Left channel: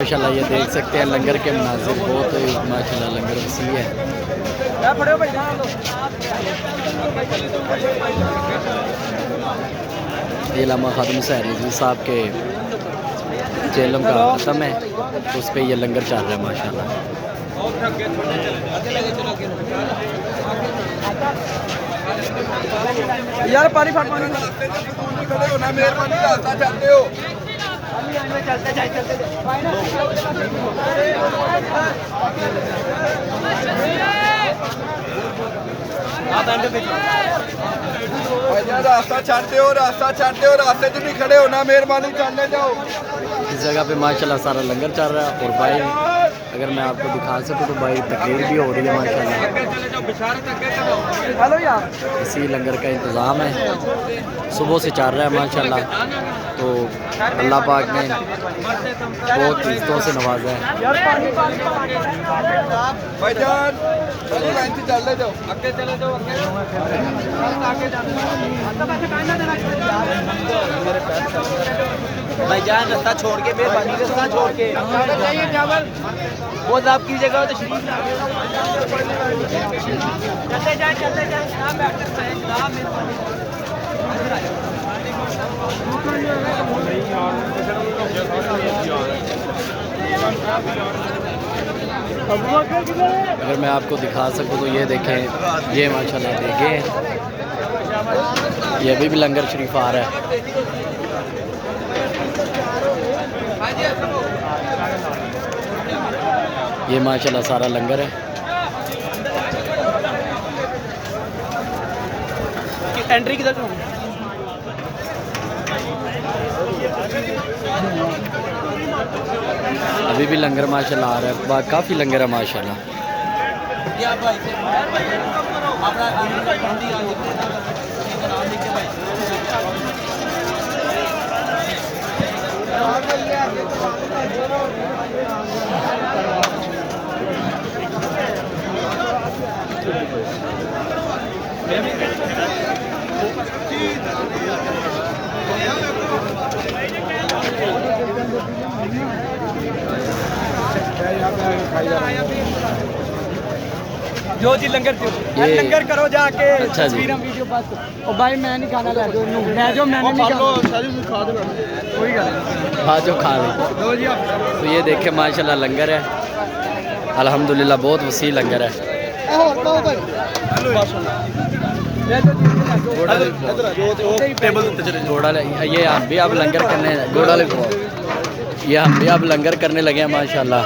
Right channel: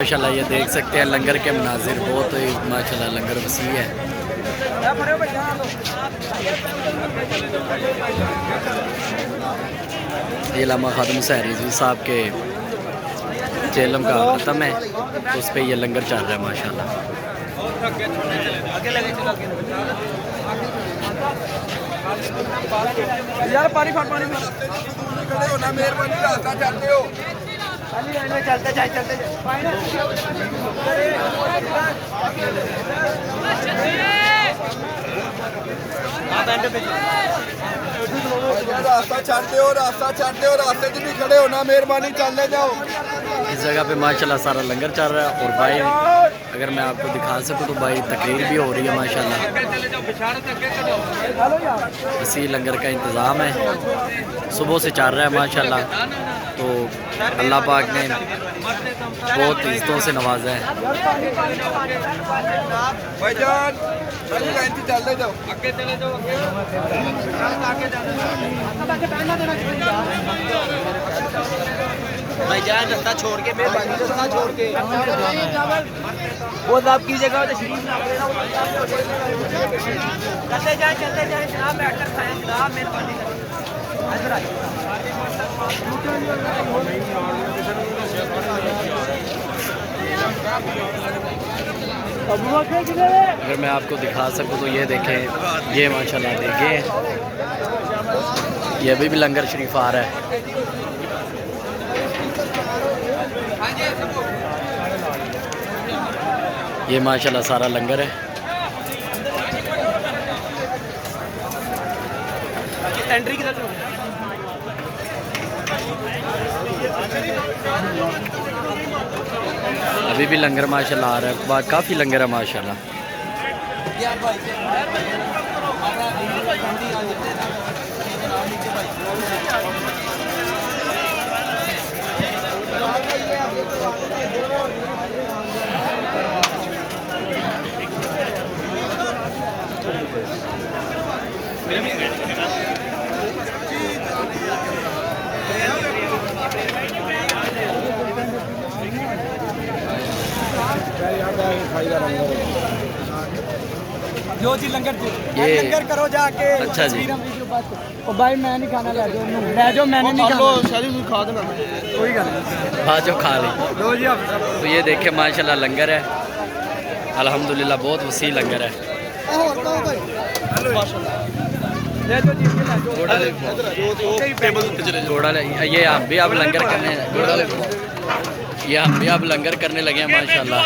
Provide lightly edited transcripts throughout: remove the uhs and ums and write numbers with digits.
माशाल्लाह ये देख सकते हैं लंगर के मनाजिर बहुत ही माशाल्लाह लंगर वसी है। ये लामा खादम हुसैन रिजवी साहब के चेलम का ख़त्म है तो उस पर यह लंगर चल रहा है माशाल्लाह। यार पानी चलते जाए रास्ता छाड़ते हो रास्ते च नहीं खड़े होना, मेहरबानी चलने जाओ। इस जगह पे माशाल्लाह सारा लंगर चल रहा है और भाई अगर मैं आपको दिखा सकूं तो भाई तकरीर भी हो रही है माशाल्लाह। इसी लंगर का इंतज़ाम है, सुबह से चल रहा है माशाल्लाह। तो अल्लाह पाक ने बहुत इज़्ज़तों से नवाजा है। भाईजान रास्ता छोड़ के मेहरबानी रास्ता छोड़ के बहुत आप की जगह तो शरीफ चलते जाए अगर मैं आपको दिखा सकूं तो ये देखें, ये माशाल्लाह देखें ये अभी भी लंगर शरीफ आ रहा है। ये माशाल्लाह सारा लंगर है। एंट्री की तरफ अभी भी लंगर माशाल्लाह आ रहा है, काफ़ी लंगर है माशाल्लाह। जो जी लंगर लंगर करो जाके। अच्छा जी। वीडियो बस और भाई मैं नहीं खाना ला जो मैं जो मैंने नहीं खाना कोई गल हाँ जो खा ली। तो ये देखे माशाल्लाह लंगर है, अल्हम्दुलिल्लाह बहुत वसी लंगर है। घोड़ा ये हम भी अब लंगर करने ये हम भी अब लंगर करने लगे हैं माशाल्लाह।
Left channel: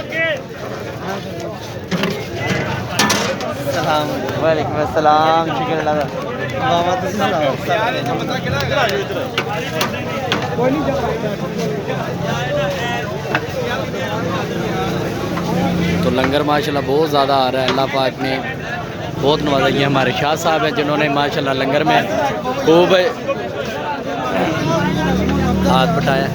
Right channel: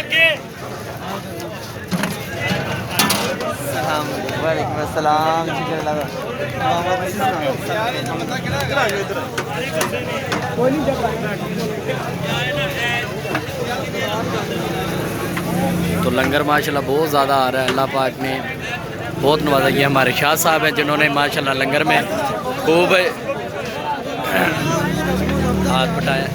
वालेकुम अस्सलाम। तो लंगर माशाल्लाह बहुत ज़्यादा आ रहा है, अल्लाह पाक ने बहुत नवाजा। ये हमारे शाह साहब हैं जिन्होंने माशाल्लाह लंगर में खूब हाथ बटाया।